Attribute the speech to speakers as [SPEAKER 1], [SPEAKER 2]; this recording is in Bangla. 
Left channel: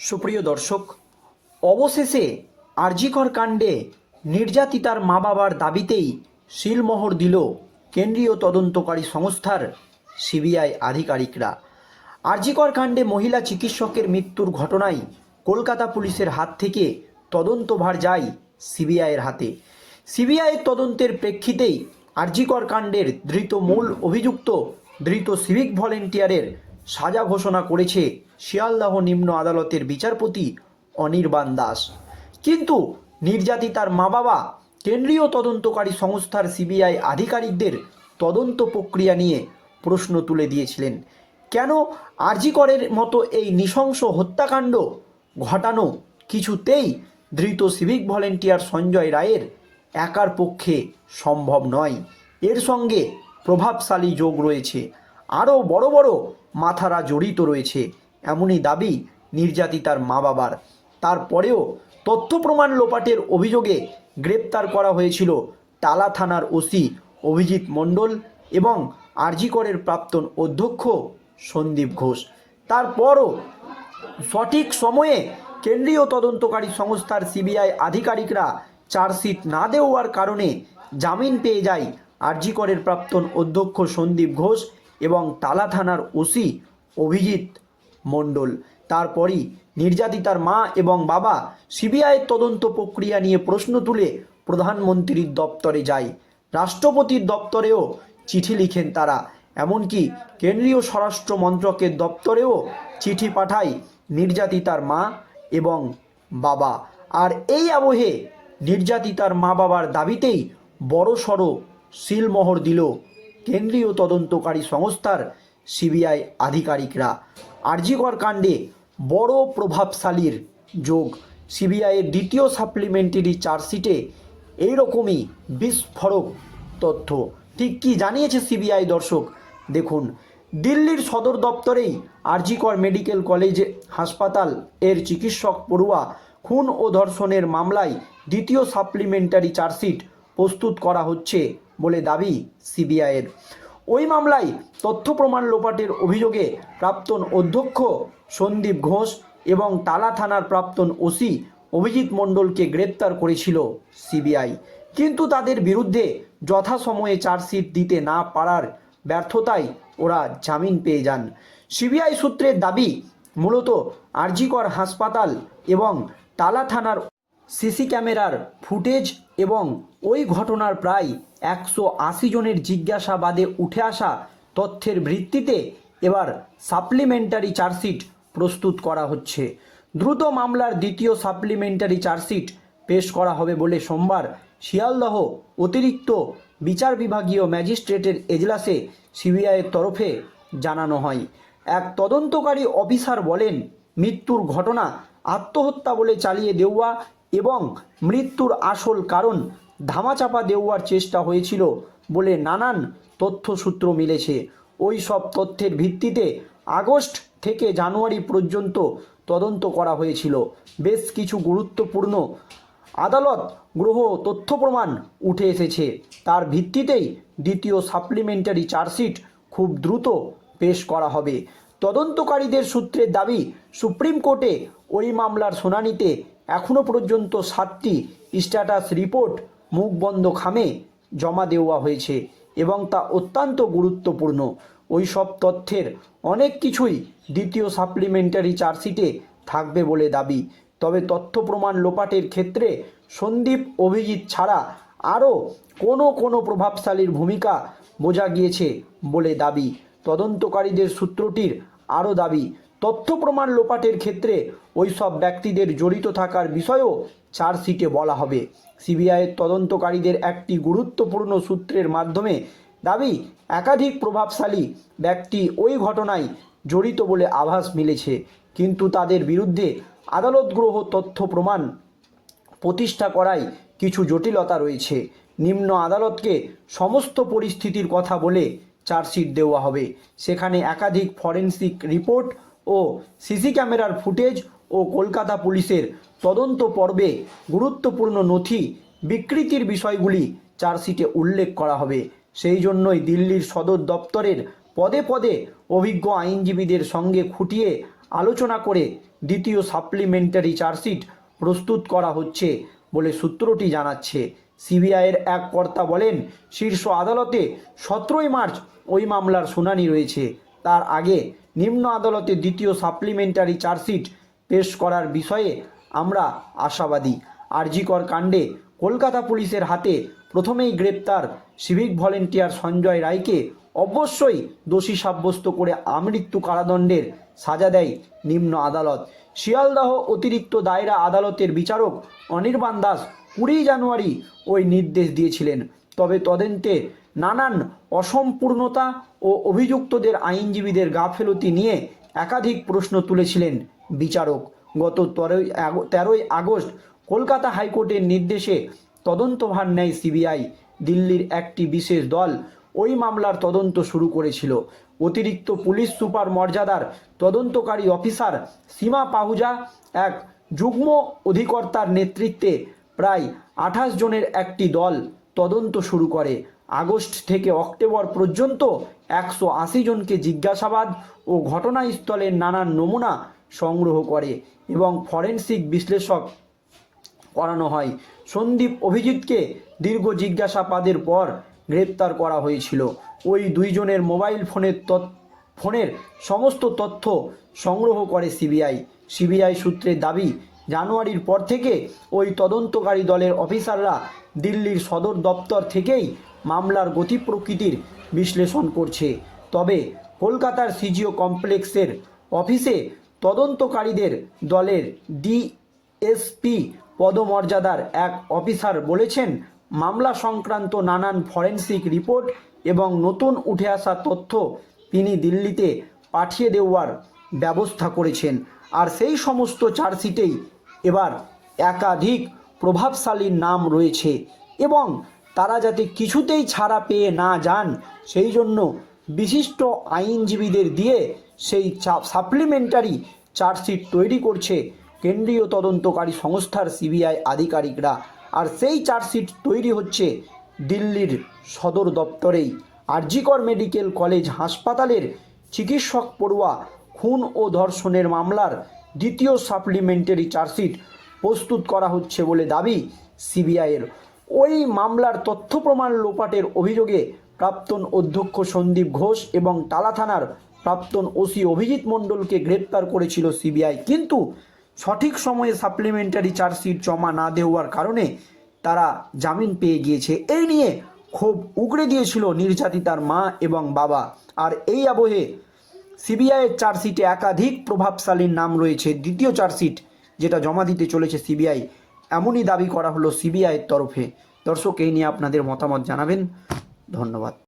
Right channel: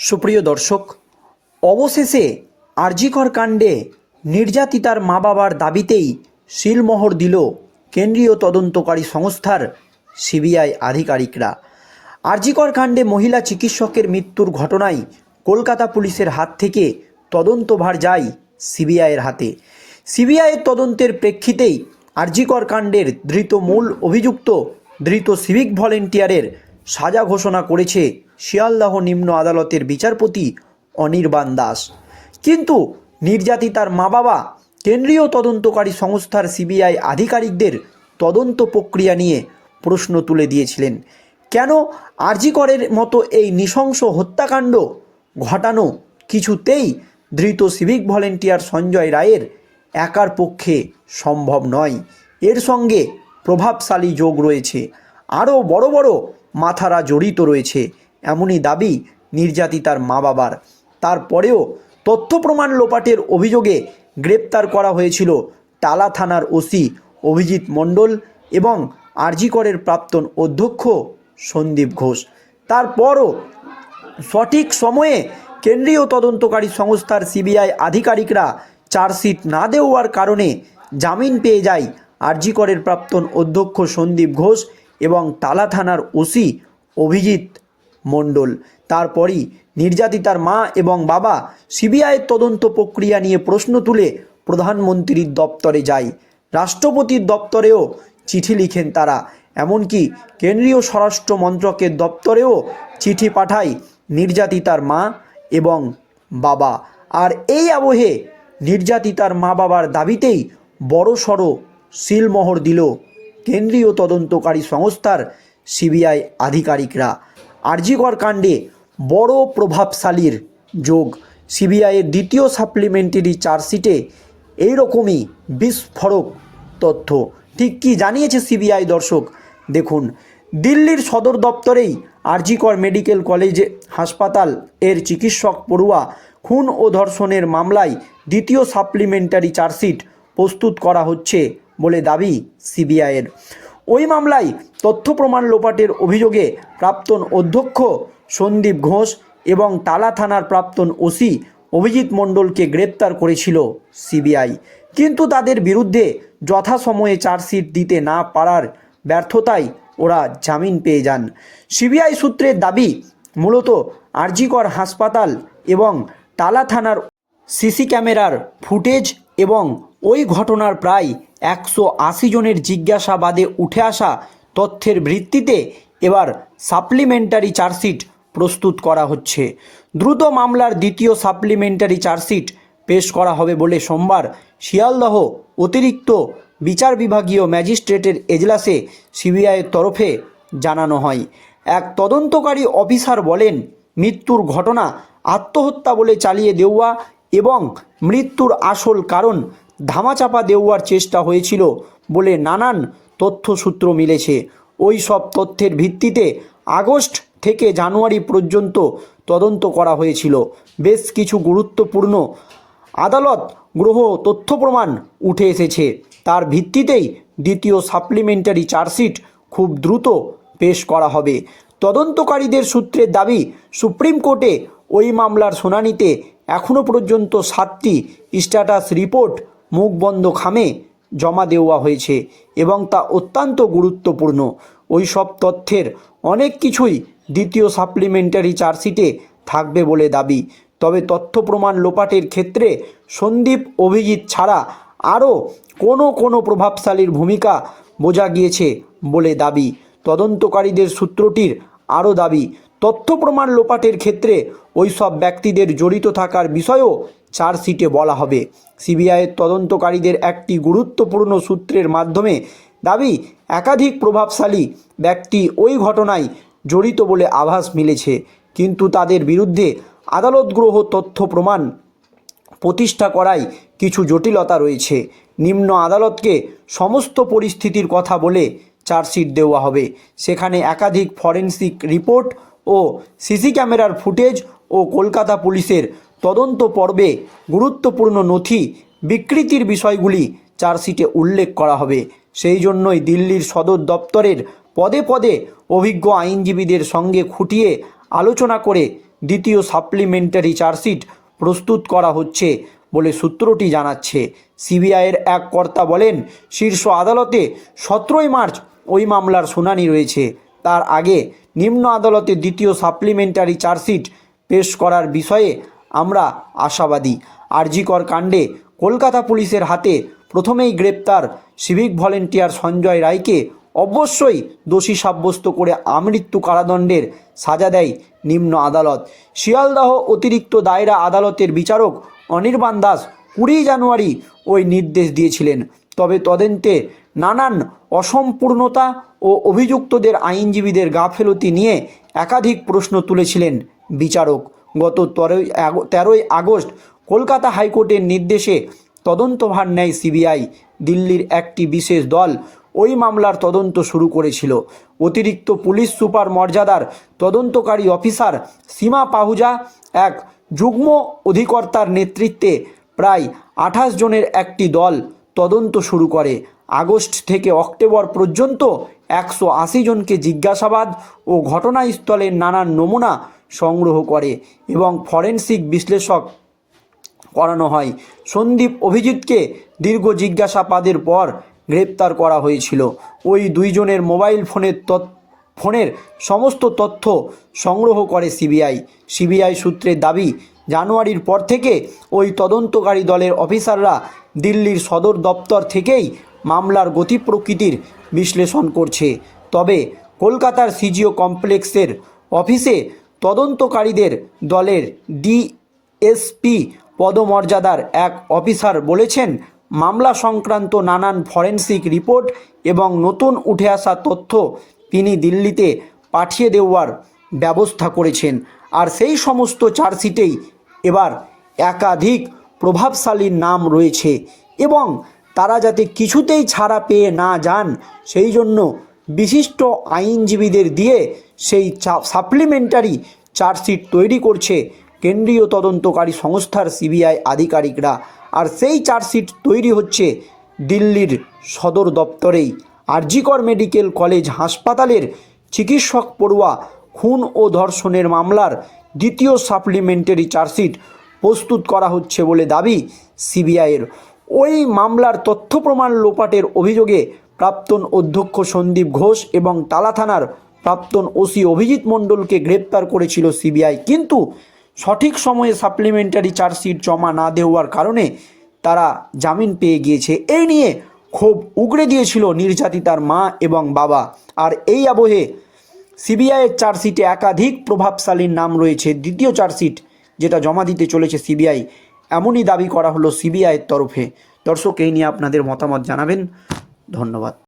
[SPEAKER 1] সুপ্রিয় দর্শক, অবশেষে আরজিকর কাণ্ডে নির্যাতিতার মা বাবার দাবিতেই শিলমোহর দিল কেন্দ্রীয় তদন্তকারী সংস্থার সিবিআই আধিকারিকরা। আরজিকর কাণ্ডে মহিলা চিকিৎসকের মৃত্যুর ঘটনায় কলকাতা পুলিশের হাত থেকে তদন্তভার যায় সিবিআইয়ের হাতে। সিবিআইয়ের তদন্তের প্রেক্ষিতেই আরজিকর কাণ্ডের ধৃত মূল অভিযুক্ত ধৃত সিভিক ভলেন্টিয়ারের সাজা ঘোষণা করেছে শিয়ালদাহ নিম্ন আদালতের বিচারপতি অনির্বাণ দাস। কিন্তু নির্যাতিতার মা বাবা কেন্দ্রীয় তদন্তকারী সংস্থার সিবিআই আধিকারিকদের তদন্ত প্রক্রিয়া নিয়ে প্রশ্ন তুলে দিয়েছিলেন। কেন আরজিকরের মতো এই নৃশংস হত্যাকাণ্ড ঘটানো কিছুতেই ধৃত সিভিক ভলেন্টিয়ার সঞ্জয় রায়ের একার পক্ষে সম্ভব নয়? এর সঙ্গে প্রভাবশালী যোগ রয়েছে। আরও বড় বড় মাথারা জড়িত রয়েছে। এমনই দাবি নির্যাতিতার মা বাবার তারপরেও তথ্য প্রমাণ লোপাটের অভিযোগে গ্রেপ্তার করা হয়েছিল টালা থানার ওসি অভিজিৎ মণ্ডল এবং আরজিকরের প্রাক্তন অধ্যক্ষ সন্দীপ ঘোষ। তারপরও সঠিক সময়ে কেন্দ্রীয় তদন্তকারী সংস্থার সিবিআই আধিকারিকরা চার্জশিট না দেওয়ার কারণে জামিন পেয়ে যায় আরজিকরের প্রাক্তন অধ্যক্ষ সন্দীপ ঘোষ এবং টালা থানার ওসি অভিজিৎ মণ্ডল। তারপরই নির্যাতিতার মা এবং বাবা সিবিআইয়ের তদন্ত প্রক্রিয়া নিয়ে প্রশ্ন তুলে প্রধানমন্ত্রীর দপ্তরে যায়। রাষ্ট্রপতির দপ্তরেও চিঠি লিখেন তারা। এমনকি কেন্দ্রীয় স্বরাষ্ট্র মন্ত্রকের দপ্তরেও চিঠি পাঠায় নির্যাতিতার মা এবং বাবা। আর এই আবহে নির্যাতিতার মা বাবার দাবিতেই বড়সড় সিলমোহর দিল। কেন্দ্রীয় তদন্তকারী সংস্থার সিবিআই আধিকারিকরা। আরজিকর কাণ্ডে বড় প্রভাবশালীর যোগ। সিবিআইয়ের দ্বিতীয় সাপ্লিমেন্টারি চার্জশিটে এইরকমই বিস্ফোরক তথ্য। ঠিক কি জানিয়েছে সিবিআই দর্শক? দেখুন, দিল্লির সদর দপ্তরেই আরজিকর মেডিকেল কলেজে হাসপাতাল এর চিকিৎসক পড়ুয়া খুন ও ধর্ষণের মামলায় দ্বিতীয় সাপ্লিমেন্টারি চার্জশিট প্রস্তুত করা হচ্ছে। বলে দাবি সিবিআইয়ের। ওই মামলায় তথ্য প্রমাণ লোপাটের অভিযোগে প্রাক্তন অধ্যক্ষ সন্দীপ ঘোষ এবং টালা থানার প্রাক্তন ওসি অভিজিৎ মণ্ডলকে গ্রেপ্তার করেছিল সিবিআই। কিন্তু তাদের বিরুদ্ধে যথাসময়ে চার্জশিট দিতে না পারার ব্যর্থতায় ওরা জামিন পেয়ে যান। সিবিআই সূত্রের দাবি, মূলত আরজিকর হাসপাতাল এবং টালা থানার সিসি ক্যামেরার ফুটেজ এবং ওই ঘটনার প্রায় একশো আশি জনের জিজ্ঞাসাবাদে উঠে আসা তথ্যের ভিত্তিতে এবার সাপ্লিমেন্টারি চার্জশিট প্রস্তুত করা হচ্ছে। দ্রুত মামলার দ্বিতীয় সাপ্লিমেন্টারি চার্জশিট পেশ করা হবে বলে সোমবার শিয়ালদহ অতিরিক্ত বিচার বিভাগীয় ম্যাজিস্ট্রেটের এজলাসে সিবিআইয়ের তরফে জানানো হয়। এক তদন্তকারী অফিসার বলেন, মৃত্যুর ঘটনা আত্মহত্যা বলে চালিয়ে দেওয়া এবং মৃত্যুর আসল কারণ ধামাচাপা দেওয়ার চেষ্টা হয়েছিল বলে নানান তথ্যসূত্র মিলেছে। ওই সব তথ্যের ভিত্তিতে আগস্ট থেকে জানুয়ারি পর্যন্ত তদন্ত করা হয়েছিল। বেশ কিছু গুরুত্বপূর্ণ আদালত গ্রহ তথ্য প্রমাণ উঠে এসেছে। তার ভিত্তিতেই দ্বিতীয় সাপ্লিমেন্টারি চার্জশিট খুব দ্রুত পেশ করা হবে। তদন্তকারীদের সূত্রের দাবি, সুপ্রিম কোর্টে ওই মামলার শুনানিতে এখনও পর্যন্ত সাতটি স্ট্যাটাস রিপোর্ট মুখ বন্ধ খামে জমা দেওয়া হয়েছে এবং তা অত্যন্ত গুরুত্বপূর্ণ। ওই সব তথ্যের অনেক কিছুই দ্বিতীয় সাপ্লিমেন্টারি চার্জশিটে থাকবে বলে দাবি। তবে তথ্য প্রমাণ লোপাটের ক্ষেত্রে সন্দীপ অভিজিৎ ছাড়া আরও কোনো কোনো প্রভাবশালীর ভূমিকা বোঝা গিয়েছে বলে দাবি। তদন্তকারীদের সূত্রটির আরও দাবি তথ্য প্রমাণ লোপাটের ক্ষেত্রে ওই সব ব্যক্তিদের জড়িত থাকার বিষয়েও চার্জশিটে বলা হবে। সিবিআইয়ের তদন্তকারীদের একটি গুরুত্বপূর্ণ সূত্রের মাধ্যমে দাবি, একাধিক প্রভাবশালী ব্যক্তি ওই ঘটনায় জড়িত বলে আভাস মিলেছে। কিন্তু তাদের বিরুদ্ধে আদালতগ্রহ তথ্য প্রমাণ প্রতিষ্ঠা করায় কিছু জটিলতা রয়েছে। নিম্ন আদালতকে সমস্ত পরিস্থিতির কথা বলে চার্জশিট দেওয়া হবে। সেখানে একাধিক ফরেনসিক রিপোর্ট ও সিসি ক্যামেরার ফুটেজ ও কলকাতা পুলিশের তদন্ত পর্বে গুরুত্বপূর্ণ নথি বিকৃতির বিষয়গুলি চার্জশিটে উল্লেখ করা হবে। সেই জন্যই দিল্লির সদর দপ্তরের পদে পদে অভিজ্ঞ আইনজীবীদের সঙ্গে খুঁটিয়ে আলোচনা করে দ্বিতীয় সাপ্লিমেন্টারি চার্জশিট প্রস্তুত করা হচ্ছে বলে সূত্রটি জানাচ্ছে। সিবিআইয়ের এক কর্তা বলেন, শীর্ষ আদালতে সতেরোই মার্চ ওই মামলার শুনানি রয়েছে। তার আগে নিম্ন আদালতে দ্বিতীয় সাপ্লিমেন্টারি চার্জশিট পেশ করার বিষয়ে আমরা আশাবাদী। আরজিকর কাণ্ডে কলকাতা পুলিশের হাতে প্রথমেই গ্রেপ্তার সিভিক ভলেন্টিয়ার সঞ্জয় রায়কে অবশ্যই দোষী সাব্যস্ত করে আমৃত্যু কারাদণ্ডের সাজা দেয় নিম্ন আদালত। শিয়ালদাহ অতিরিক্ত দায়রা আদালতের বিচারক অনির্বাণ দাস কুড়ি জানুয়ারি ওই নির্দেশ দিয়েছিলেন। তবে তদন্তে নানান অসম্পূর্ণতা ও অভিযুক্তদের আইনজীবীদের গাফেলতি নিয়ে একাধিক প্রশ্ন তুলেছিলেন বিচারক। গত তেরোই তেরোই আগস্ট কলকাতা হাইকোর্টের নির্দেশে তদন্তভার নেয় সিবিআই। দিল্লির একটি বিশেষ দল ওই মামলার তদন্ত শুরু করেছিল। অতিরিক্ত পুলিশ সুপার মর্যাদার তদন্তকারী অফিসার সীমা পাহুজা, এক যুগ্ম অধিকর্তার নেতৃত্বে প্রায় আঠাশ জনের একটি দল তদন্ত শুরু করে। আগস্ট থেকে অক্টোবর পর্যন্ত একশো আশি জনকে জিজ্ঞাসাবাদ ও ঘটনাস্থলের নানান নমুনা সংগ্রহ করে এবং ফরেনসিক বিশ্লেষক করানো হয়। সন্দীপ অভিজিৎকে দীর্ঘ জিজ্ঞাসাবাদের পর গ্রেপ্তার করা হয়েছিল। ওই দুইজনের মোবাইল ফোনের তথ্য ফোনের সমস্ত তথ্য সংগ্রহ করে সিবিআই। সিবিআই সূত্রের দাবি, জানুয়ারির পর থেকে ওই তদন্তকারী দলের অফিসাররা দিল্লির সদর দপ্তর থেকেই মামলার গতি প্রকৃতির বিশ্লেষণ করছে। তবে কলকাতার সিজিও কমপ্লেক্সের অফিসে তদন্তকারীদের দলের ডিএসপি পদমর্যাদার এক অফিসার বলেছেন, মামলা সংক্রান্ত নানান ফরেনসিক রিপোর্ট এবং নতুন উঠে আসা তথ্য তিনি দিল্লিতে পাঠিয়ে দেওয়ার ব্যবস্থা করেছেন। আর সেই সমস্ত চার্জশিটেই এবার একাধিক প্রভাবশালীর নাম রয়েছে এবং তারা যাতে কিছুতেই ছাড়া পেয়ে না যান, সেই জন্য বিশিষ্ট আইনজীবীদের দিয়ে সেই সাপ্লিমেন্টারি চার্জশিট তৈরি করছে কেন্দ্রীয় তদন্তকারী সংস্থার সিবিআই আধিকারিকরা। আর সেই চার্জশিট তৈরি হচ্ছে দিল্লির সদর দপ্তরেই। আরজিকর মেডিকেল কলেজ হাসপাতালের চিকিৎসক পড়ুয়া, খুন ও ধর্ষণের মামলার দ্বিতীয় সাপ্লিমেন্টারি চার্জশিট প্রস্তুত করা হচ্ছে বলে দাবি সিবিআইয়ের ওই মামলার তথ্য প্রমাণ লোপাটের অভিযোগে প্রাক্তন অধ্যক্ষ সন্দীপ ঘোষ এবং তালা থানার প্রাক্তন ওসি অভিজিৎ মণ্ডলকে গ্রেপ্তার করেছিল সিবিআই। কিন্তু সঠিক সময়ে সাপ্লিমেন্টারি চার্জশিট জমা না দেওয়ার কারণে তারা জামিন পেয়ে গিয়েছে। এই নিয়ে ক্ষোভ উগড়ে দিয়েছিল নির্যাতিতার মা এবং বাবা। আর এই আবহে সিবিআইয়ের চার্জশিটে একাধিক প্রভাবশালীর নাম রয়েছে। দ্বিতীয় চার্জশিট যেটা জমা দিতে চলেছে সিবিআই। এমনই দাবি করা হলো সিবিআইয়ের তরফে। দর্শক এই নিয়ে আপনাদের মতামত জানাবেন। ধন্যবাদ।